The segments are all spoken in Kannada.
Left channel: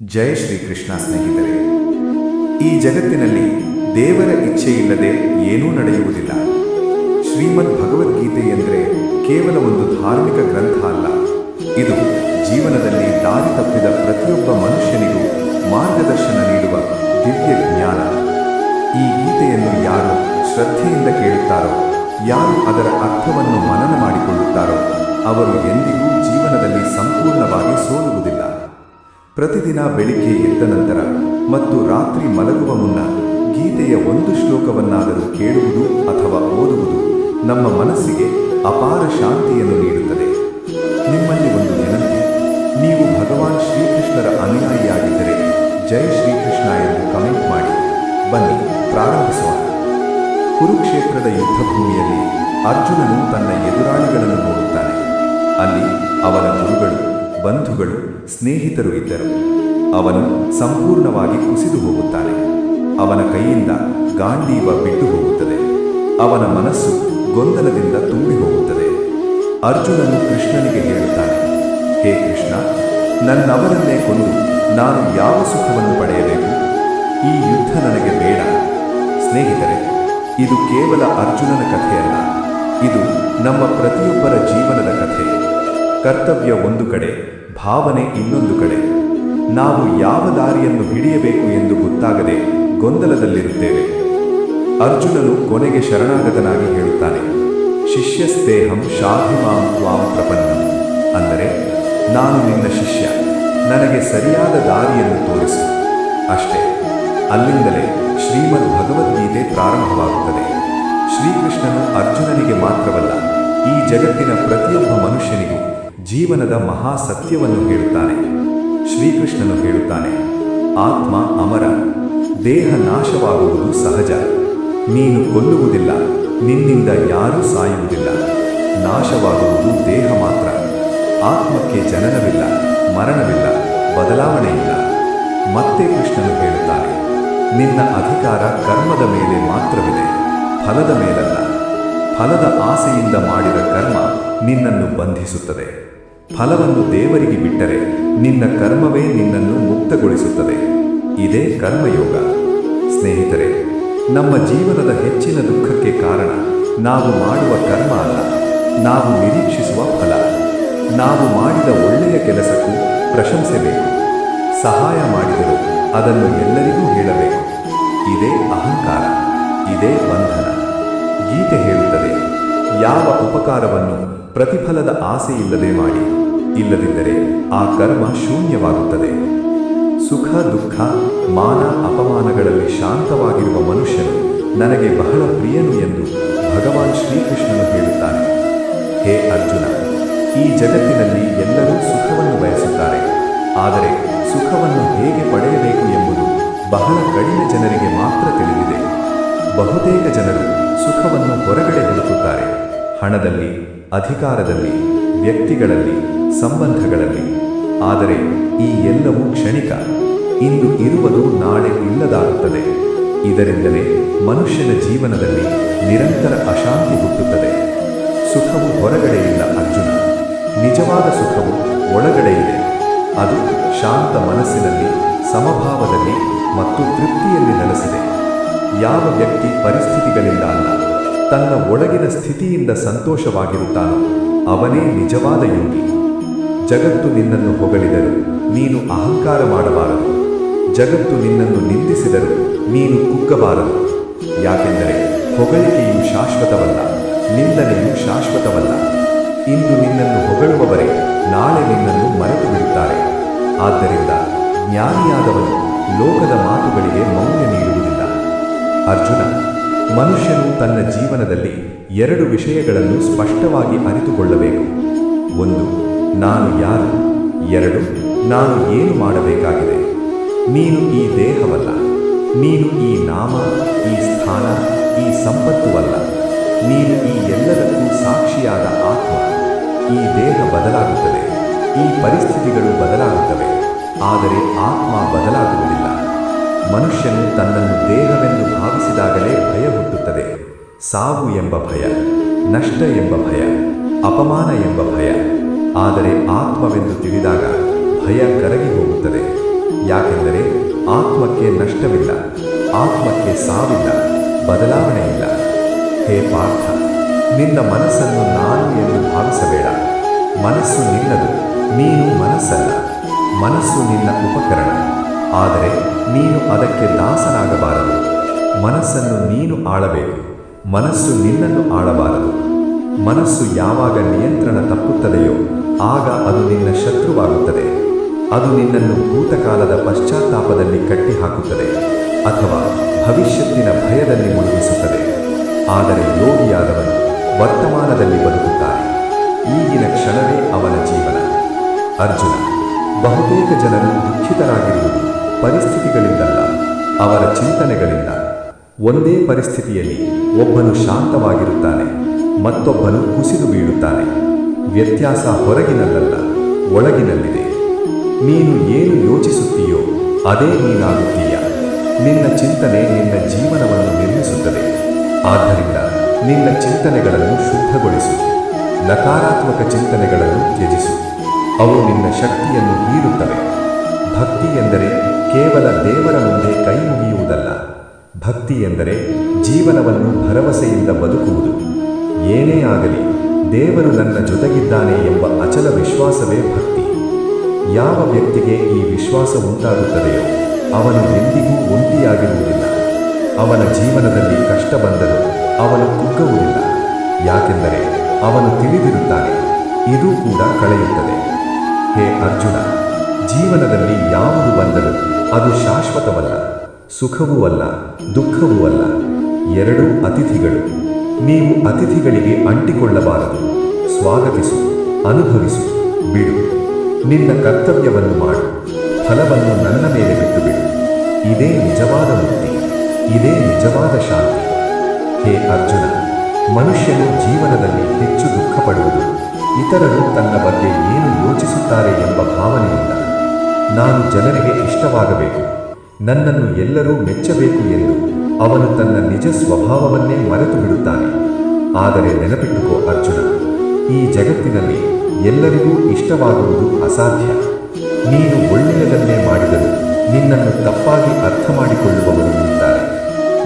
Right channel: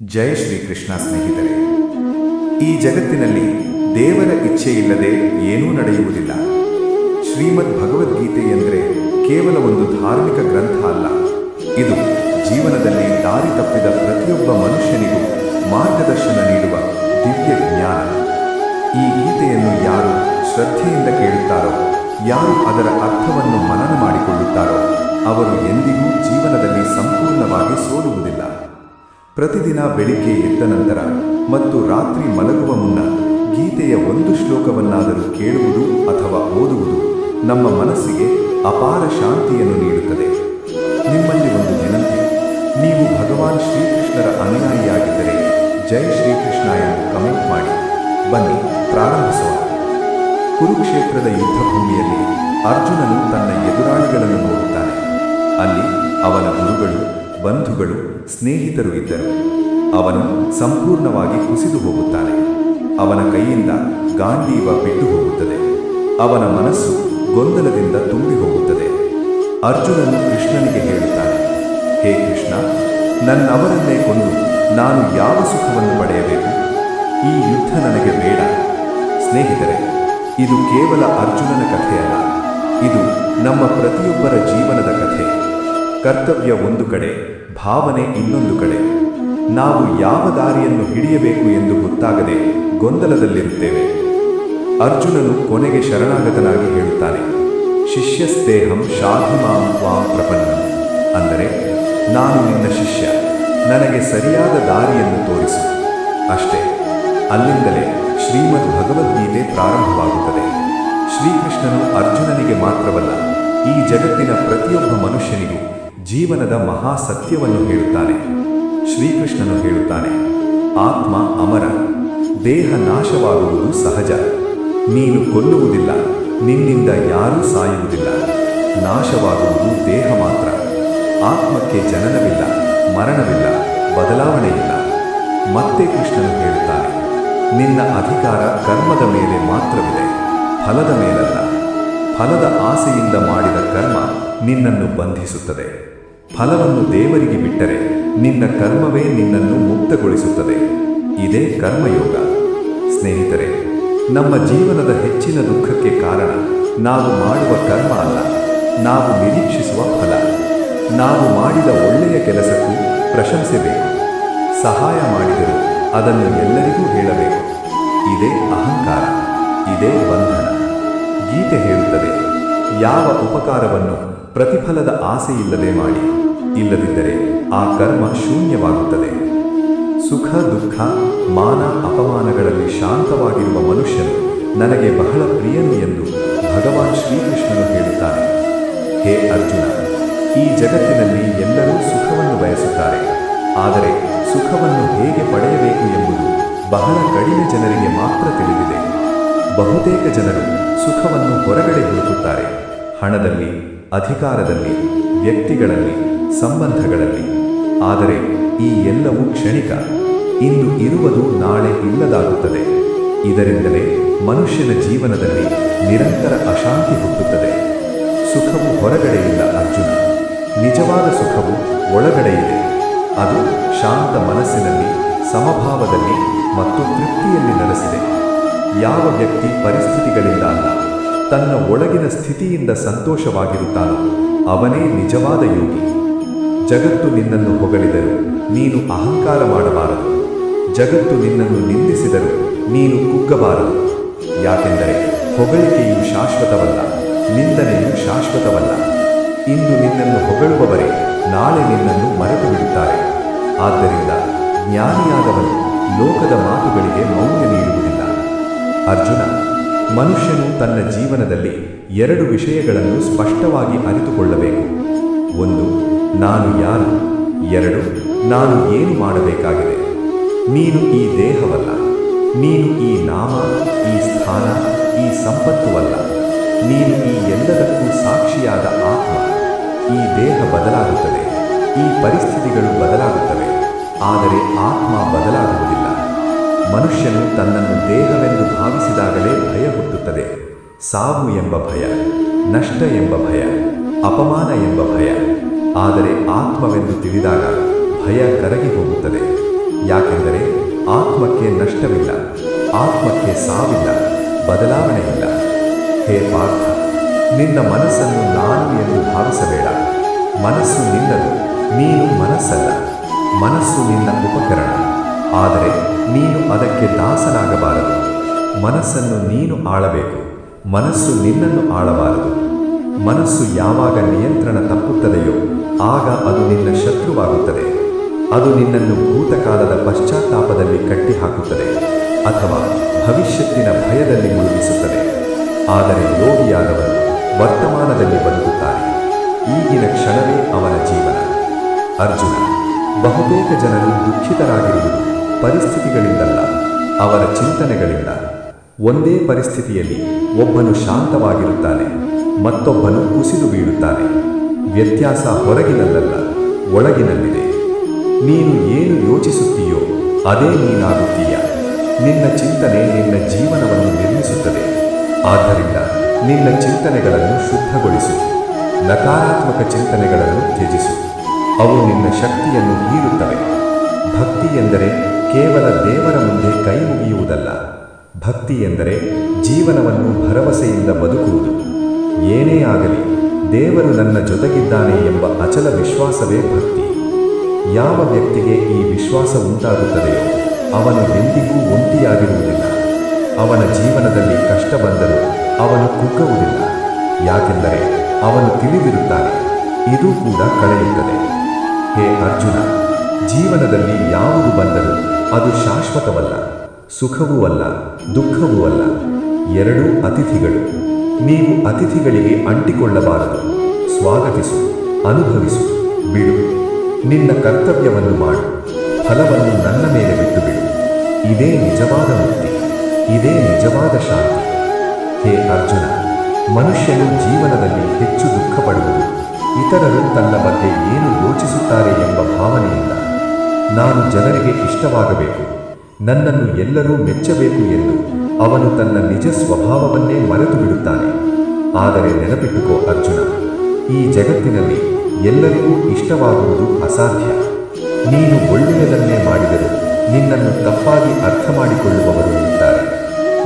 ಜೈ ಶ್ರೀಕೃಷ್ಣ ಸ್ನೇಹಿತರೆ. ಈ ಜಗತ್ತಿನಲ್ಲಿ ದೇವರ ಇಚ್ಛೆಯಿಲ್ಲದೆ ಏನೂ ನಡೆಯುವುದಿಲ್ಲ. ಶ್ರೀಮದ್ ಭಗವದ್ಗೀತೆ ಎಂದರೆ ಕೇವಲ ಒಂದು ಧಾರ್ಮಿಕ ಗ್ರಂಥ ಅಲ್ಲ. ಇದು ಜೀವನದಲ್ಲಿ ದಾರಿ ತಪ್ಪಿದ ಪ್ರತಿಯೊಬ್ಬ ಮನುಷ್ಯನಿಗೂ ಮಾರ್ಗದರ್ಶನ ನೀಡುವ ದಿವ್ಯ ಜ್ಞಾನ. ಈ ಗೀತೆಯನ್ನು ಯಾರು ಶ್ರದ್ಧೆಯಿಂದ ಕೇಳುತ್ತಾರೋ, ಯಾರು ಅದರ ಅರ್ಥವನ್ನು ಮನನ ಮಾಡಿಕೊಳ್ಳುತ್ತಾರೋ, ಅವರು ಎಂದಿಗೂ ಜೀವನದಲ್ಲಿ ಸಂಪೂರ್ಣವಾಗಿ ಸೋಲುವುದಿಲ್ಲ. ಪ್ರತಿದಿನ ಬೆಳಿಗ್ಗೆ ಎದ್ದ ನಂತರ ಮತ್ತು ರಾತ್ರಿ ಮಲಗುವ ಮುನ್ನ ಗೀತೆಯ ಒಂದು ಶ್ಲೋಕವನ್ನಾದರೂ ಕೇಳುವುದು ಅಥವಾ ಓದುವುದು ನಮ್ಮ ಮನಸ್ಸಿಗೆ ಅಪಾರ ಶಾಂತಿಯನ್ನು ನೀಡುತ್ತದೆ. ನಿಮ್ಮಲ್ಲಿ ಒಂದು ವಿನಂತಿ: ನೀವು ಭಗವಾನ್ ಶ್ರೀಕೃಷ್ಣರ ಅನುಯಾಯಿಯಾಗಿದ್ದರೆ ಜೈ ಶ್ರೀಕೃಷ್ಣ ಎಂದು ಕಮೆಂಟ್ ಮಾಡಿ. ಬನ್ನಿ ಪ್ರಾರಂಭಿಸೋಣ. ಕುರುಕ್ಷೇತ್ರದ ಯುದ್ಧಭೂಮಿಯಲ್ಲಿ ಅರ್ಜುನನು ತನ್ನ ಎದುರಾಳಿಗಳನ್ನು ನೋಡುತ್ತಾನೆ. ಅಲ್ಲಿ ಅವನ ಗುರುಗಳು, ಬಂಧುಗಳು, ಸ್ನೇಹಿತರು ಇದ್ದರು. ಅವನು ಸಂಪೂರ್ಣವಾಗಿ ಕುಸಿದು ಹೋಗುತ್ತಾನೆ. ಅವನ ಕೈಯಿಂದ ಗಾಂಡೀವ ಬಿದ್ದು ಹೋಗುತ್ತದೆ. ಅವನ ಮನಸ್ಸು ಗೊಂದಲದಿಂದ ತುಂಬಿ ಹೋಗುತ್ತದೆ. ಅರ್ಜುನನು ಕೃಷ್ಣನಿಗೆ ಹೇಳುತ್ತಾನೆ: ಹೇ ಕೃಷ್ಣ, ನನ್ನವರನ್ನೇ ಕೊಂದು ನಾನು ಯಾವ ಸುಖವನ್ನು ಪಡೆಯಬೇಕು? ಈ ಯುದ್ಧ ನನಗೆ ಬೇಡ. ಸ್ನೇಹಿತರೆ, ಇದು ಕೇವಲ ಅರ್ಜುನನ ಕಥೆಯಲ್ಲ, ಇದು ನಮ್ಮ ಪ್ರತಿಯೊಬ್ಬರ ಜೀವನದ ಕಥೆ. ಕರ್ತವ್ಯ ಒಂದು ಕಡೆ, ಭಾವನೆ ಇನ್ನೊಂದು ಕಡೆ. ನಾವು ಯಾವ ದಾರಿಯನ್ನು ಹಿಡಿಯಬೇಕು ಎಂದು ಗೊತ್ತಾಗದೆ ಗೊಂದಲದಲ್ಲಿರುತ್ತೇವೆ. ಅರ್ಜುನನು ಕೊನೆಗೆ ಶರಣಾಗತನಾಗಿ ಹೇಳುತ್ತಾನೆ: ಶಿಷ್ಯಸ್ತೇಹಂ ಶಾಧಿಮಾಂ ತ್ವಾಂ ಪ್ರಪನ್ನಂ. ಅಂದರೆ, ನಾನು ನಿನ್ನ ಶಿಷ್ಯ, ನನಗೆ ಸರಿಯಾದ ದಾರಿಯನ್ನು ತೋರಿಸು. ಅಷ್ಟೇ. ಅಲ್ಲಿಂದಲೇ ಶ್ರೀಮದ್ ಭಗವದ್ಗೀತೆ ಪ್ರಾರಂಭವಾಗುತ್ತದೆ. ಶ್ರೀಕೃಷ್ಣನು ಅರ್ಜುನನಿಗೆ ಮಾತ್ರವಲ್ಲ, ಈ ಜಗತ್ತಿನ ಪ್ರತಿಯೊಬ್ಬ ಮನುಷ್ಯನಿಗೂ ಜೀವನದ ಮಹಾ ಸತ್ಯವನ್ನು ಹೇಳುತ್ತಾನೆ. ಶ್ರೀಕೃಷ್ಣನು ಹೇಳುತ್ತಾನೆ: ಆತ್ಮ ಅಮರ, ದೇಹ ನಾಶವಾಗುವುದು ಸಹಜ. ನೀನು ಕೊಲ್ಲುವುದಿಲ್ಲ, ನಿನ್ನಿಂದ ಯಾರೂ ಸಾಯುವುದಿಲ್ಲ. ನಾಶವಾಗುವುದು ದೇಹ ಮಾತ್ರ. ಆತ್ಮಕ್ಕೆ ಜನನವಿಲ್ಲ, ಮರಣವಿಲ್ಲ, ಬದಲಾವಣೆಯಿಲ್ಲ. ಮತ್ತೆ ಕೃಷ್ಣನು ಹೇಳುತ್ತಾನೆ: ನಿನ್ನ ಅಧಿಕಾರ ಕರ್ಮದ ಮೇಲೆ ಮಾತ್ರವಿದೆ, ಫಲದ ಮೇಲಲ್ಲ. ಫಲದ ಆಸೆಯಿಂದ ಮಾಡಿದ ಕರ್ಮ ನಿನ್ನನ್ನು ಬಂಧಿಸುತ್ತದೆ. ಫಲವನ್ನು ದೇವರಿಗೆ ಬಿಟ್ಟರೆ ನಿನ್ನ ಕರ್ಮವೇ ನಿನ್ನನ್ನು ಮುಕ್ತಗೊಳಿಸುತ್ತದೆ. ಇದೇ ಕರ್ಮಯೋಗ. ಸ್ನೇಹಿತರೆ, ನಮ್ಮ ಜೀವನದ ಹೆಚ್ಚಿನ ದುಃಖಕ್ಕೆ ಕಾರಣ ನಾವು ಮಾಡುವ ಕರ್ಮ ಅಲ್ಲ, ನಾವು ನಿರೀಕ್ಷಿಸುವ ಫಲ. ನಾವು ಮಾಡಿದ ಒಳ್ಳೆಯ ಕೆಲಸಕ್ಕೂ ಪ್ರಶಂಸೆ ಬೇಕು. ಸಹಾಯ ಮಾಡಿದರೂ ಅದನ್ನು ಎಲ್ಲರಿಗೂ ಹೇಳಬೇಕು. ಇದೇ ಅಹಂಕಾರ, ಇದೇ ಬಂಧನ. ಗೀತೆ ಹೇಳುತ್ತದೆ: ಯಾವ ಉಪಕಾರವನ್ನು ಪ್ರತಿಫಲದ ಆಸೆಯಿಲ್ಲದೆ ಮಾಡಿ, ಇಲ್ಲದಿದ್ದರೆ ಆ ಕರ್ಮ ಶೂನ್ಯವಾಗುತ್ತದೆ. ಸುಖ ದುಃಖ, ಮಾನ ಅಪಮಾನಗಳಲ್ಲಿ ಶಾಂತವಾಗಿರುವ ಮನುಷ್ಯನು ನನಗೆ ಬಹಳ ಪ್ರಿಯನು ಎಂದು ಭಗವಾನ್ ಶ್ರೀಕೃಷ್ಣನು ಹೇಳುತ್ತಾನೆ. ಹೇ ಅರ್ಜುನ, ಈ ಜಗತ್ತಿನಲ್ಲಿ ಎಲ್ಲರೂ ಸುಖವನ್ನು ಬಯಸುತ್ತಾರೆ. ಆದರೆ ಸುಖವನ್ನು ಹೇಗೆ ಪಡೆಯಬೇಕು ಎಂಬುದು ಬಹಳ ಕಡಿಮೆ ಜನರಿಗೆ ಮಾತ್ರ ತಿಳಿದಿದೆ. ಬಹುತೇಕ ಜನರು ಸುಖವನ್ನು ಹೊರಗಡೆ ಹುಡುಕುತ್ತಾರೆ: ಹಣದಲ್ಲಿ, ಅಧಿಕಾರದಲ್ಲಿ, ವ್ಯಕ್ತಿಗಳಲ್ಲಿ, ಸಂಬಂಧಗಳಲ್ಲಿ. ಆದರೆ ಈ ಎಲ್ಲವೂ ಕ್ಷಣಿಕ. ಇಂದು ಇರುವುದು ನಾಳೆ ಇಲ್ಲದಾಗುತ್ತದೆ. ಇದರಿಂದಲೇ ಮನುಷ್ಯನ ಜೀವನದಲ್ಲಿ ನಿರಂತರ ಅಶಾಂತಿ ಹುಟ್ಟುತ್ತದೆ. ಸುಖವು ಹೊರಗಡೆ ಇಲ್ಲ ಅರ್ಜುನ, ನಿಜವಾದ ಸುಖವು ಒಳಗಡೆ ಇದೆ. ಅದು ಶಾಂತ ಮನಸ್ಸಿನಲ್ಲಿ, ಸಮಭಾವದಲ್ಲಿ ಮತ್ತು ತೃಪ್ತಿಯಲ್ಲಿ ನೆಲೆಸಿದೆ. ಯಾವ ವ್ಯಕ್ತಿ ಪರಿಸ್ಥಿತಿಗಳಿಂದ ಅಲ್ಲ, ತನ್ನ ಒಳಗಿನ ಸ್ಥಿತಿಯಿಂದ ಸಂತೋಷವಾಗಿರುತ್ತಾನೋ ಅವನೇ ನಿಜವಾದ ಯೋಗಿ. ಜಗತ್ತು ನಿನ್ನನ್ನು ಹೊಗಳಿದರೂ ನೀನು ಅಹಂಕಾರ ಮಾಡಬಾರದು. ಜಗತ್ತು ನಿನ್ನನ್ನು ನಿಂದಿಸಿದರೂ ನೀನು ಕುಗ್ಗಬಾರದು. ಯಾಕೆಂದರೆ ಹೊಗಳಿಕೆಯು ಶಾಶ್ವತವಲ್ಲ, ನಿಂದನೆಯು ಶಾಶ್ವತವಲ್ಲ. ಇಂದು ನಿನ್ನನ್ನು ಹೊಗಳುವವರೇ ನಾಳೆ ನಿನ್ನನ್ನು ಮರೆತು ಬಿಡುತ್ತಾರೆ. ಆದ್ದರಿಂದ ಜ್ಞಾನಿಯಾದವನು ಲೋಕದ ಮಾತುಗಳಿಗೆ ಮೌಲ್ಯ ನೀಡುವುದಿಲ್ಲ. ಅರ್ಜುನ, ಮನುಷ್ಯನು ತನ್ನ ಜೀವನದಲ್ಲಿ ಎರಡು ವಿಷಯಗಳನ್ನು ಸ್ಪಷ್ಟವಾಗಿ ಅರಿತುಕೊಳ್ಳಬೇಕು. ಒಂದು, ನಾನು ಯಾರು. ಎರಡು, ನಾನು ಏನು ಮಾಡಬೇಕಾಗಿದೆ. ನೀನು ಈ ದೇಹವಲ್ಲ, ನೀನು ಈ ನಾಮ, ಈ ಸ್ಥಾನ, ಈ ಸಂಪತ್ತುವಲ್ಲ. ನೀನು ಈ ಎಲ್ಲದಕ್ಕೂ ಸಾಕ್ಷಿಯಾದ ಆತ್ಮ. ಈ ದೇಹ ಬದಲಾಗುತ್ತದೆ, ಈ ಪರಿಸ್ಥಿತಿಗಳು ಬದಲಾಗುತ್ತವೆ, ಆದರೆ ಆತ್ಮ ಬದಲಾಗುವುದಿಲ್ಲ. ಮನುಷ್ಯನು ತನ್ನನ್ನು ದೇಹವೆಂದು ಭಾವಿಸಿದಾಗಲೇ ಭಯ ಹುಟ್ಟುತ್ತದೆ. ಸಾವು ಎಂಬ ಭಯ, ನಷ್ಟ ಎಂಬ ಭಯ, ಅಪಮಾನ ಎಂಬ ಭಯ. ಆದರೆ ಆತ್ಮವೆಂದು ತಿಳಿದಾಗ ಭಯ ಕರಗಿ ಹೋಗುತ್ತದೆ. ಯಾಕೆಂದರೆ ಆತ್ಮಕ್ಕೆ ನಷ್ಟವಿಲ್ಲ, ಆತ್ಮಕ್ಕೆ ಸಾವಿಲ್ಲ, ಬದಲಾವಣೆ ಇಲ್ಲ. ಹೇ ಪಾರ್ಥ, ನಿನ್ನ ಮನಸ್ಸನ್ನು ನಾನು ಎಂದು ಭಾವಿಸಬೇಡ. ಮನಸ್ಸು ನಿನ್ನದು, ನೀನು ಮನಸ್ಸಲ್ಲ. ಮನಸ್ಸು ನಿನ್ನ ಉಪಕರಣ, ಆದರೆ ನೀನು ಅದಕ್ಕೆ ದಾಸನಾಗಬಾರದು. ಮನಸ್ಸನ್ನು ನೀನು ಆಳಬೇಕು, ಮನಸ್ಸು ನಿನ್ನನ್ನು ಆಳಬಾರದು. ಮನಸ್ಸು ಯಾವಾಗ ನಿಯಂತ್ರಣ ತಪ್ಪುತ್ತದೆಯೋ ಆಗ ಅದು ನಿನ್ನ ಶತ್ರುವಾಗುತ್ತದೆ. ಅದು ನಿನ್ನನ್ನು ಭೂತಕಾಲದ ಪಶ್ಚಾತ್ತಾಪದಲ್ಲಿ ಕಟ್ಟಿಹಾಕುತ್ತದೆ ಅಥವಾ ಭವಿಷ್ಯತ್ತಿನ ಭಯದಲ್ಲಿ ಮುಳುಗಿಸುತ್ತದೆ. ಆದರೆ ಯೋಗಿಯಾದವನು ವರ್ತಮಾನದಲ್ಲಿ ಬದುಕುತ್ತಾನೆ. ಈಗಿನ ಕ್ಷಣವೇ ಅವನ ಜೀವನ. ಅರ್ಜುನ, ಬಹುತೇಕ ಜನರು ದುಃಖಿತರಾಗಿರುವುದು ಪರಿಸ್ಥಿತಿಗಳಿಂದಲ್ಲ, ಅವರ ಚಿಂತನೆಗಳಿಂದ. ಒಂದೇ ಪರಿಸ್ಥಿತಿಯಲ್ಲಿ ಒಬ್ಬನು ಶಾಂತವಾಗಿರುತ್ತಾನೆ, ಮತ್ತೊಬ್ಬನು ಕುಸಿದು ಬೀಳುತ್ತಾನೆ. ವ್ಯತ್ಯಾಸ ಹೊರಗಿನಲ್ಲಲ್ಲ, ಒಳಗಿನಲ್ಲಿದೆ. ನೀನು ಏನು ಯೋಚಿಸುತ್ತೀಯೋ ಅದೇ ನೀನಾಗುತ್ತೀಯ. ನಿನ್ನ ಚಿಂತನೆ ನಿನ್ನ ಜೀವನವನ್ನು ನಿರ್ಮಿಸುತ್ತದೆ. ಆದ್ದರಿಂದ ನಿನ್ನ ಚಿಂತನೆಗಳನ್ನು ಶುದ್ಧಗೊಳಿಸು. ನಕಾರಾತ್ಮಕ ಚಿಂತನೆಗಳನ್ನು ತ್ಯಜಿಸು. ಅವು ನಿನ್ನ ಶಕ್ತಿಯನ್ನು ಹೀರುತ್ತವೆ. ಭಕ್ತಿ ಎಂದರೆ ಕೇವಲ ದೇವರ ಮುಂದೆ ಕೈ ಮುಗಿಯುವುದಲ್ಲ. ಭಕ್ತಿ ಎಂದರೆ ಜೀವನವನ್ನು ಭರವಸೆಯಿಂದ ಬದುಕುವುದು. ಏನೇ ಆಗಲಿ ದೇವರು ನನ್ನ ಜೊತೆಗಿದ್ದಾನೆ ಎಂಬ ಅಚಲ ವಿಶ್ವಾಸವೇ ಭಕ್ತಿ. ಯಾವ ವ್ಯಕ್ತಿಗೆ ಈ ವಿಶ್ವಾಸ ಉಂಟಾಗುತ್ತದೆಯೋ ಅವನು ಎಂದಿಗೂ ಒಂಟಿಯಾಗಿರುವುದಿಲ್ಲ. ಅವನ ಜೀವನದಲ್ಲಿ ಕಷ್ಟ ಬಂದರೂ ಅವನು ಕುಗ್ಗುವುದಿಲ್ಲ. ಯಾಕೆಂದರೆ ಅವನು ತಿಳಿದಿರುತ್ತಾನೆ, ಇದು ಕೂಡ ಕಳೆಯುತ್ತದೆ. ಹೇ ಅರ್ಜುನ, ಜೀವನದಲ್ಲಿ ಯಾವುದು ಬಂದರೂ ಅದು ಶಾಶ್ವತವಲ್ಲ. ಸುಖವೂ ಅಲ್ಲ, ದುಃಖವೂ ಅಲ್ಲ. ಎರಡೂ ಅತಿಥಿಗಳು. ನೀವು ಅತಿಥಿಗಳಿಗೆ ಅಂಟಿಕೊಳ್ಳಬಾರದು. ಸ್ವಾಗತಿಸು, ಅನುಭವಿಸು, ಬಿಡು. ನಿನ್ನ ಕರ್ತವ್ಯವನ್ನು ಮಾಡು, ಫಲವನ್ನು ನನ್ನ ಮೇಲೆ ಬಿಟ್ಟು ಬಿಡು. ಇದೇ ನಿಜವಾದ ಮುಕ್ತಿ, ಇದೇ ನಿಜವಾದ ಶಾಂತಿ. ಹೇ ಅರ್ಜುನ, ಮನುಷ್ಯನು ಜೀವನದಲ್ಲಿ ಹೆಚ್ಚು ದುಃಖಪಡುವುದು ಇತರರು ತನ್ನ ಬಗ್ಗೆ ಏನು ಯೋಚಿಸುತ್ತಾರೆ ಎಂಬ ಭಾವನೆಯಿಂದ. ನಾನು ಜನರಿಗೆ ಇಷ್ಟವಾಗಬೇಕು, ನನ್ನನ್ನು ಎಲ್ಲರೂ ಮೆಚ್ಚಬೇಕು ಎಂದು ಅವನು ತನ್ನ ನಿಜ ಸ್ವಭಾವವನ್ನೇ ಮರೆತು ಬಿಡುತ್ತಾನೆ. ಆದರೆ ನೆನಪಿಟ್ಟುಕೋ ಅರ್ಜುನ, ಈ ಜಗತ್ತಿನಲ್ಲಿ ಎಲ್ಲರಿಗೂ ಇಷ್ಟವಾಗುವುದು ಅಸಾಧ್ಯ. ನೀನು ಒಳ್ಳೆಯದನ್ನೇ ಮಾಡಿದರೂ ನಿನ್ನನ್ನು ತಪ್ಪಾಗಿ ಅರ್ಥ ಮಾಡಿಕೊಳ್ಳುವವರು ಇರುತ್ತಾರೆ.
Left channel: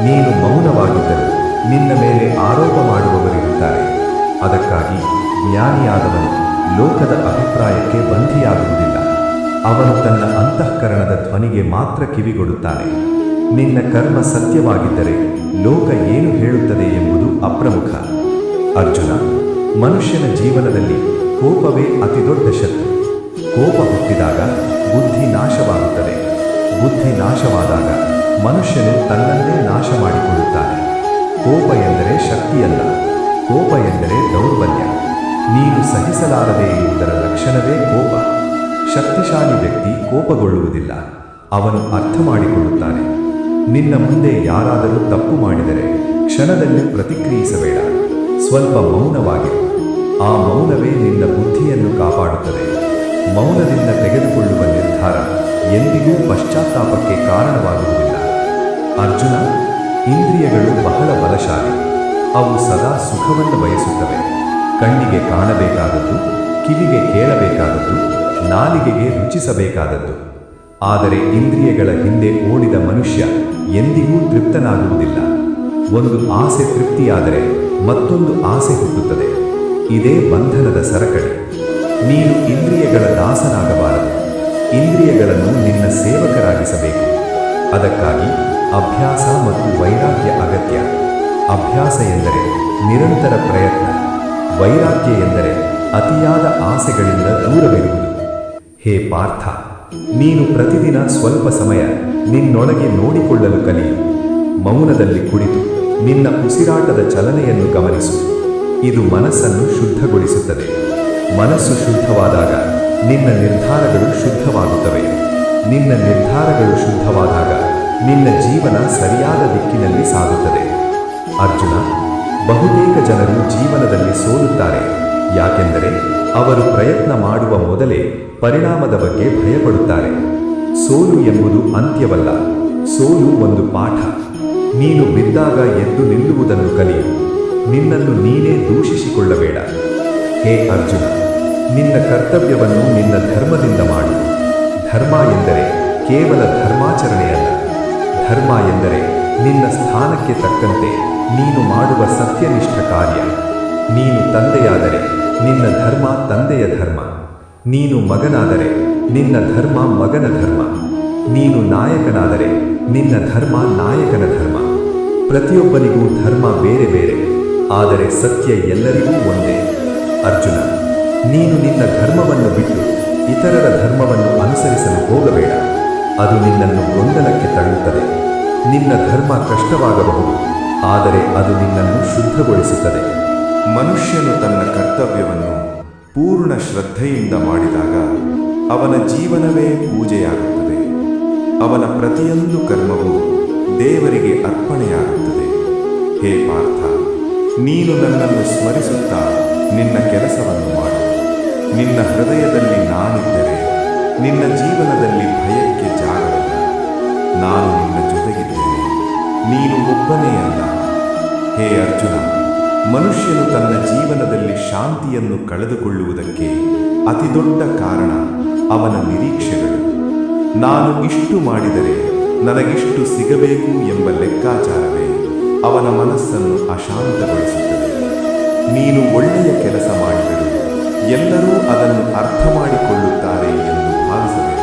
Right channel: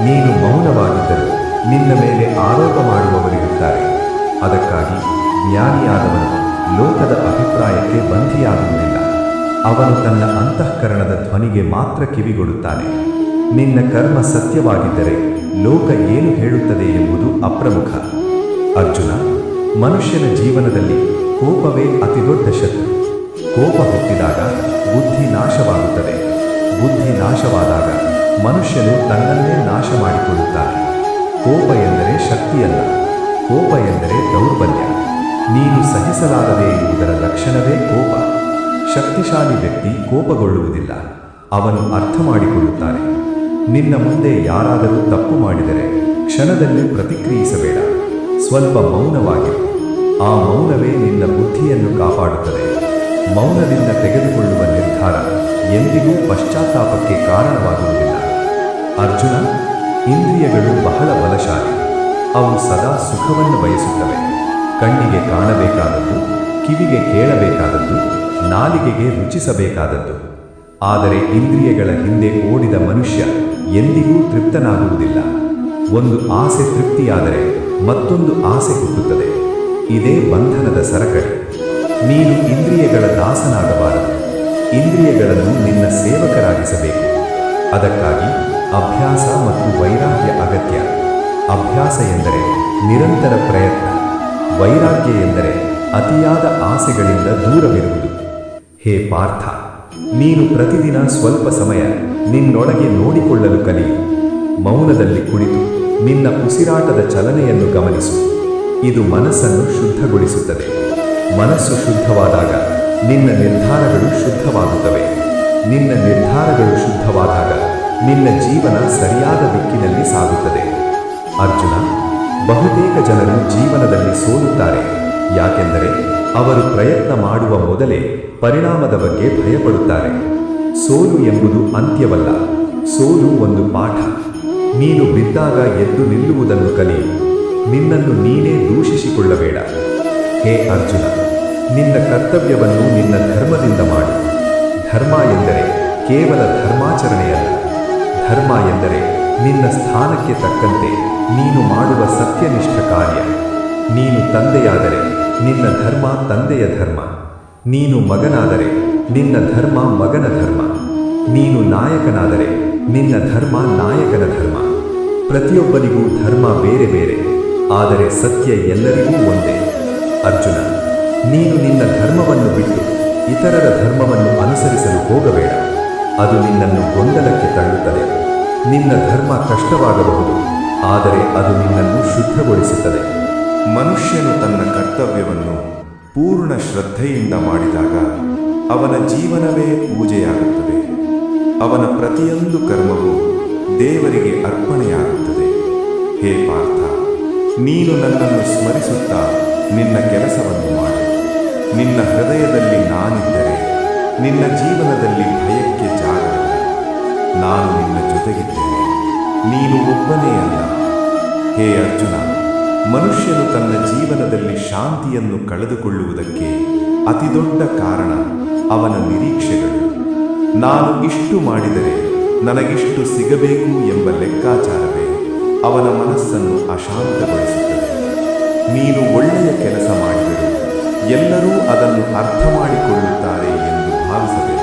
ನೀನು ಮೌನವಾಗಿದ್ದರೂ ನಿನ್ನ ಮೇಲೆ ಆರೋಪ ಮಾಡುವವರಿರುತ್ತಾರೆ. ಅದಕ್ಕಾಗಿ ಜ್ಞಾನಿಯಾದವನು ಲೋಕದ ಅಭಿಪ್ರಾಯಕ್ಕೆ ಬಂಧಿಯಾಗುವುದಿಲ್ಲ. ಅವನು ತನ್ನ ಅಂತಃಕರಣದ ಧ್ವನಿಗೆ ಮಾತ್ರ ಕಿವಿಗೊಡುತ್ತಾನೆ. ನಿನ್ನ ಕರ್ಮ ಸತ್ಯವಾಗಿದ್ದರೆ ಲೋಕ ಏನು ಹೇಳುತ್ತದೆ ಎಂಬುದು ಅಪ್ರಮುಖ. ಅರ್ಜುನ, ಮನುಷ್ಯನ ಜೀವನದಲ್ಲಿ ಕೋಪವೇ ಅತಿದೊಡ್ಡ ಶತ್ರು. ಕೋಪ ಹುಟ್ಟಿದಾಗ ಬುದ್ಧಿ ನಾಶವಾಗುತ್ತದೆ. ಬುದ್ಧಿ ನಾಶವಾದಾಗ ಮನುಷ್ಯನು ತನ್ನನ್ನೇ ನಾಶ ಮಾಡಿಕೊಳ್ಳುತ್ತಾನೆ. ಕೋಪ ಎಂದರೆ ಶಕ್ತಿಯಲ್ಲ, ಕೋಪ ಎಂದರೆ ದೌರ್ಬಲ್ಯ. ನೀನು ಸಹಿಸಲಾರದೆ ಇರುವುದರ ಲಕ್ಷಣವೇ ಕೋಪ. ಶಕ್ತಿಶಾಲಿ ವ್ಯಕ್ತಿ ಕೋಪಗೊಳ್ಳುವುದಿಲ್ಲ, ಅವನು ಅರ್ಥ ಮಾಡಿಕೊಳ್ಳುತ್ತಾನೆ. ನಿನ್ನ ಮುಂದೆ ಯಾರಾದರೂ ತಪ್ಪು ಮಾಡಿದರೆ ಕ್ಷಣದಲ್ಲಿ ಪ್ರತಿಕ್ರಿಯಿಸಬೇಡ. ಸ್ವಲ್ಪ ಮೌನವಾಗಿರು. ಆ ಮೌನವೇ ನಿನ್ನ ಬುದ್ಧಿಯನ್ನು ಕಾಪಾಡುತ್ತದೆ. ಮೌನದಿಂದ ತೆಗೆದುಕೊಳ್ಳುವ ನಿರ್ಧಾರ ಎಂದಿಗೂ ಪಶ್ಚಾತ್ತಾಪಕ್ಕೆ ಕಾರಣವಾಗುವುದಿಲ್ಲ. ಅರ್ಜುನ, ಇಂದ್ರಿಯಗಳು ಬಹಳ ಬಲಶಾಲಿ. ಅವು ಸದಾ ಸುಖವನ್ನು ಬಯಸುತ್ತವೆ. ಕಣ್ಣಿಗೆ ಕಾಣಬೇಕಾದದ್ದು, ಕಿವಿಗೆ ಕೇಳಬೇಕಾದದ್ದು, ನಾಲಿಗೆಗೆ ರುಚಿಸಬೇಕಾದದ್ದು. ಆದರೆ ಇಂದ್ರಿಯಗಳ ಹಿಂದೆ ಓಡಿದ ಮನುಷ್ಯ ಎಂದಿಗೂ ತೃಪ್ತನಾಗುವುದಿಲ್ಲ. ಒಂದು ಆಸೆ ತೃಪ್ತಿಯಾದರೆ ಮತ್ತೊಂದು ಆಸೆ ಹುಟ್ಟುತ್ತದೆ. ಇದೇ ಬಂಧನದ ಸರಕಳಿ. ನೀನು ಇಂದ್ರಿಯಗಳ ದಾಸನಾಗಬಾರದು. ಇಂದ್ರಿಯಗಳನ್ನು ನಿನ್ನ ಸೇವಕರಾಗಿಸಬೇಕು. ಅದಕ್ಕಾಗಿ ಅಭ್ಯಾಸ ಮತ್ತು ವೈರಾಗ್ಯ ಅಗತ್ಯ. ಅಭ್ಯಾಸ ಎಂದರೆ ನಿರಂತರ ಪ್ರಯತ್ನ. ವೈರಾಗ್ಯ ಎಂದರೆ ಅತಿಯಾದ ಆಸೆಗಳಿಂದ ದೂರವಿರುವುದು. ಹೇ ಪಾರ್ಥ, ನೀನು ಪ್ರತಿದಿನ ಸ್ವಲ್ಪ ಸಮಯ ನಿನ್ನೊಳಗೆ ನೋಡಿಕೊಳ್ಳಲು ಕಲಿಯು. ಮೌನದಲ್ಲಿ ಕುಳಿತು ನಿನ್ನ ಉಸಿರಾಟದ ಚಲನೆಯನ್ನು ಗಮನಿಸು. ಇದು ಮನಸ್ಸನ್ನು ಶುದ್ಧಗೊಳಿಸುತ್ತದೆ. ಮನಸ್ಸು ಶುದ್ಧವಾದಾಗ ನಿನ್ನ ನಿರ್ಧಾರಗಳು ಶುದ್ಧವಾಗುತ್ತವೆ. ನಿನ್ನ ನಿರ್ಧಾರಗಳು ಶುದ್ಧವಾದಾಗ ನಿನ್ನ ಜೀವನ ಸರಿಯಾದ ದಿಕ್ಕಿನಲ್ಲಿ ಸಾಗುತ್ತದೆ. ಅರ್ಜುನ, ಬಹುತೇಕ ಜನರು ಜೀವನದಲ್ಲಿ ಸೋಲುತ್ತಾರೆ. ಯಾಕೆಂದರೆ ಅವರು ಪ್ರಯತ್ನ ಮಾಡುವ ಮೊದಲೇ ಪರಿಣಾಮದ ಬಗ್ಗೆ ಭಯಪಡುತ್ತಾರೆ. ಸೋಲು ಎಂಬುದು ಅಂತ್ಯವಲ್ಲ, ಸೋಲು ಒಂದು ಪಾಠ. ನೀನು ಬಿದ್ದಾಗ ಎದ್ದು ನಿಲ್ಲುವುದನ್ನು ಕಲಿಯು. ನಿನ್ನನ್ನು ನೀನೇ ದೂಷಿಸಿಕೊಳ್ಳಬೇಡ. ಹೇ ಅರ್ಜುನ, ನಿನ್ನ ಕರ್ತವ್ಯವನ್ನು ನಿನ್ನ ಧರ್ಮದಿಂದ ಮಾಡು. ಧರ್ಮ ಎಂದರೆ ಕೇವಲ ಧರ್ಮಾಚರಣೆಯಲ್ಲ. ಧರ್ಮ ಎಂದರೆ ನಿನ್ನ ಸ್ಥಾನಕ್ಕೆ ತಕ್ಕಂತೆ ನೀನು ಮಾಡುವ ಸತ್ಯನಿಷ್ಠ ಕಾರ್ಯ. ನೀನು ತಂದೆಯಾದರೆ ನಿನ್ನ ಧರ್ಮ ತಂದೆಯ ಧರ್ಮ. ನೀನು ಮಗನಾದರೆ ನಿನ್ನ ಧರ್ಮ ಮಗನ ಧರ್ಮ. ನೀನು ನಾಯಕನಾದರೆ ನಿನ್ನ ಧರ್ಮ ನಾಯಕನ ಧರ್ಮ. ಪ್ರತಿಯೊಬ್ಬನಿಗೂ ಧರ್ಮ ಬೇರೆ ಬೇರೆ, ಆದರೆ ಸತ್ಯ ಎಲ್ಲರಿಗೂ ಒಂದೇ. ಅರ್ಜುನ, ನೀನು ನಿನ್ನ ಧರ್ಮವನ್ನು ಬಿಟ್ಟು ಇತರರ ಧರ್ಮವನ್ನು ಅನುಸರಿಸಲು ಹೋಗಬೇಡ. ಅದು ನಿನ್ನನ್ನು ಗೊಂದಲಕ್ಕೆ ತಳ್ಳುತ್ತದೆ. ನಿನ್ನ ಧರ್ಮ ಕಷ್ಟವಾಗಬಹುದು, ಆದರೆ ಅದು ನಿನ್ನನ್ನು ಶುದ್ಧಗೊಳಿಸುತ್ತದೆ. ಮನುಷ್ಯನು ತನ್ನ ಕರ್ತವ್ಯವನ್ನು ಪೂರ್ಣ ಶ್ರದ್ಧೆಯಿಂದ ಮಾಡಿದಾಗ ಅವನ ಜೀವನವೇ ಪೂಜೆಯಾಗುತ್ತದೆ. ಅವನ ಪ್ರತಿಯೊಂದು ಕರ್ಮವೂ ದೇವರಿಗೆ ಅರ್ಪಣೆಯಾಗುತ್ತದೆ. ಹೇ ಪಾರ್ಥ, ನೀನು ನನ್ನನ್ನು ಸ್ಮರಿಸುತ್ತಾ ನಿನ್ನ ಕೆಲಸವನ್ನು ಮಾಡು. ನಿನ್ನ ಹೃದಯದಲ್ಲಿ ನಾನಿದ್ದರೆ ನಿನ್ನ ಜೀವನದಲ್ಲಿ ಭಯಕ್ಕೆ ಜಾಗವಿಲ್ಲ. ನಾನು ನಿನ್ನ ಜೊತೆಗಿದ್ದೇನೆ, ನೀನು ಒಬ್ಬನೇ ಅಲ್ಲ. ಹೇ ಅರ್ಜುನ, ಮನುಷ್ಯನು ತನ್ನ ಜೀವನದಲ್ಲಿ ಶಾಂತಿಯನ್ನು ಕಳೆದುಕೊಳ್ಳುವುದಕ್ಕೆ ಅತಿದೊಡ್ಡ ಕಾರಣ ಅವನ ನಿರೀಕ್ಷೆಗಳು. ನಾನು ಇಷ್ಟು ಮಾಡಿದರೆ ನನಗಿಷ್ಟು ಸಿಗಬೇಕು ಎಂಬ ಲೆಕ್ಕಾಚಾರವೇ ಅವನ ಮನಸ್ಸನ್ನು ಅಶಾಂತಗೊಳಿಸುತ್ತದೆ. ನೀನು ಒಳ್ಳೆಯ ಕೆಲಸ ಮಾಡಿದರೂ ಎಲ್ಲರೂ ಅದನ್ನು ಅರ್ಥ ಮಾಡಿಕೊಳ್ಳುತ್ತಾರೆ ಎಂದು ಭಾವಿಸಬೇಡ.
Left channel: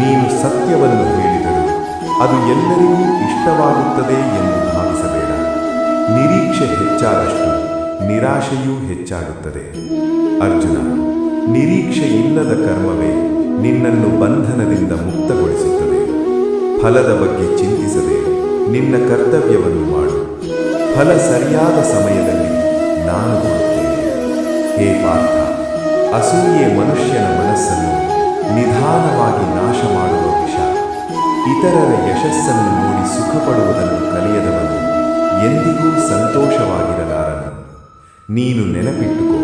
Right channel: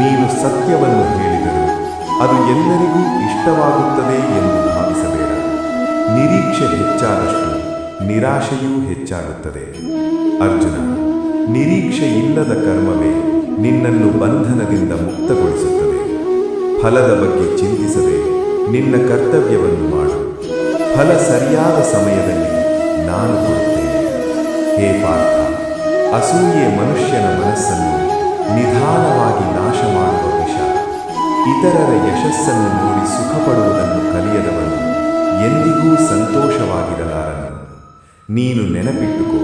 ನೀನು ಸತ್ಯವನ್ನು ಹೇಳಿದರೂ ಅದು ಎಲ್ಲರಿಗೂ ಇಷ್ಟವಾಗುತ್ತದೆ ಎಂದು ಭಾವಿಸಬೇಡ. ನಿರೀಕ್ಷೆ ಹೆಚ್ಚಾದಷ್ಟು ನಿರಾಶೆಯೂ ಹೆಚ್ಚಾಗುತ್ತದೆ. ಅರ್ಜುನ, ನಿರೀಕ್ಷೆ ಇಲ್ಲದ ಕರ್ಮವೇ ನಿನ್ನನ್ನು ಬಂಧನದಿಂದ ಮುಕ್ತಗೊಳಿಸುತ್ತದೆ. ಫಲದ ಬಗ್ಗೆ ಚಿಂತಿಸದೆ ನಿನ್ನ ಕರ್ತವ್ಯವನ್ನು ಮಾಡು. ಫಲ ಸರಿಯಾದ ಸಮಯದಲ್ಲಿ ನಾನು ಕೊಡುತ್ತೇನೆ. ಹೇ ಪಾರ್ಥ, ಅಸೂಯೆ ಮನುಷ್ಯನ ಮನಸ್ಸನ್ನು ನಿಧಾನವಾಗಿ ನಾಶ ಮಾಡುವ ವಿಷ. ಇತರರ ಯಶಸ್ಸನ್ನು ನೋಡಿ ಸುಖಪಡುವುದನ್ನು ಕಲಿಯದವನು ಎಂದಿಗೂ ಸಂತೋಷವಾಗಿರಲಾರನು. ನೀನು ನೆನಪಿಟ್ಟುಕೋ,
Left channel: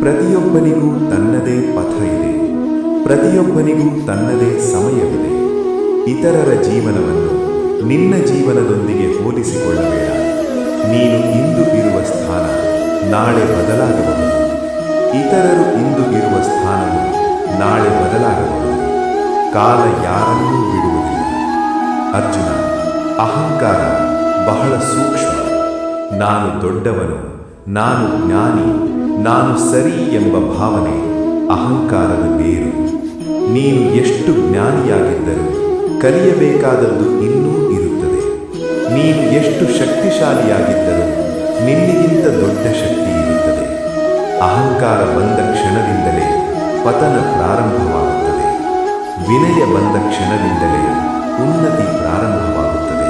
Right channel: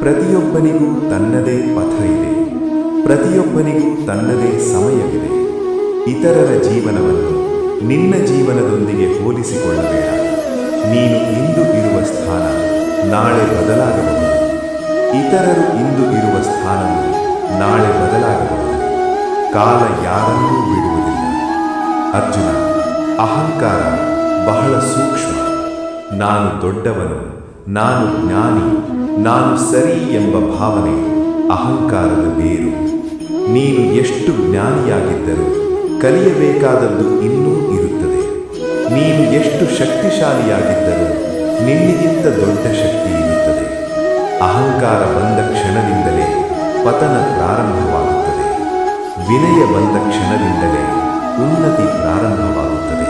ಪ್ರತಿಯೊಬ್ಬನಿಗೂ ತನ್ನದೇ ಪಥ ಇದೆ, ಪ್ರತಿಯೊಬ್ಬನಿಗೂ ತನ್ನದೇ ಸಮಯವಿದೆ. ಇತರರ ಜೀವನವನ್ನು ನಿನ್ನ ಜೀವನದೊಂದಿಗೆ ಹೋಲಿಸಿಕೊಳ್ಳಬೇಡ. ನೀನು ಇಂದು ಇರುವ ಸ್ಥಾನ ನಾಳೆ ಬದಲಾಗಬಹುದು. ಇತರರು ಇಂದು ಇರುವ ಸ್ಥಾನವು ನಾಳೆ ಬದಲಾಗಬಹುದು. ಕಾಲ ಯಾರನ್ನೂ ಬಿಡುವುದಿಲ್ಲ. ಅರ್ಜುನ, ಅಹಂಕಾರ ಬಹಳ ಸೂಕ್ಷ್ಮ. ನಾನು ದೊಡ್ಡವನು, ನಾನು ಜ್ಞಾನಿ, ನಾನು ಸರಿ ಎಂಬ ಭಾವನೆ ಅಹಂಕಾರದ ಬೇರು. ನೀನು ಎಷ್ಟು ಜ್ಞಾನಿಯಾಗಿದ್ದರೂ ಕಲಿಯಬೇಕಾದದ್ದು ಇನ್ನೂ ಇರುತ್ತದೆ. ನೀನು ಎಷ್ಟು ಶಕ್ತಿಶಾಲಿಯಾಗಿದ್ದರೂ ನಿನ್ನಿಗಿಂತ ದೊಡ್ಡ ಶಕ್ತಿ ಇರುತ್ತದೆ. ಅಹಂಕಾರ ಬಂದ ಕ್ಷಣದಿಂದಲೇ ಪತನ ಪ್ರಾರಂಭವಾಗುತ್ತದೆ. ವಿನಯ ಬಂದ ಕ್ಷಣದಿಂದಲೇ ಉನ್ನತಿ ಪ್ರಾರಂಭವಾಗುತ್ತದೆ.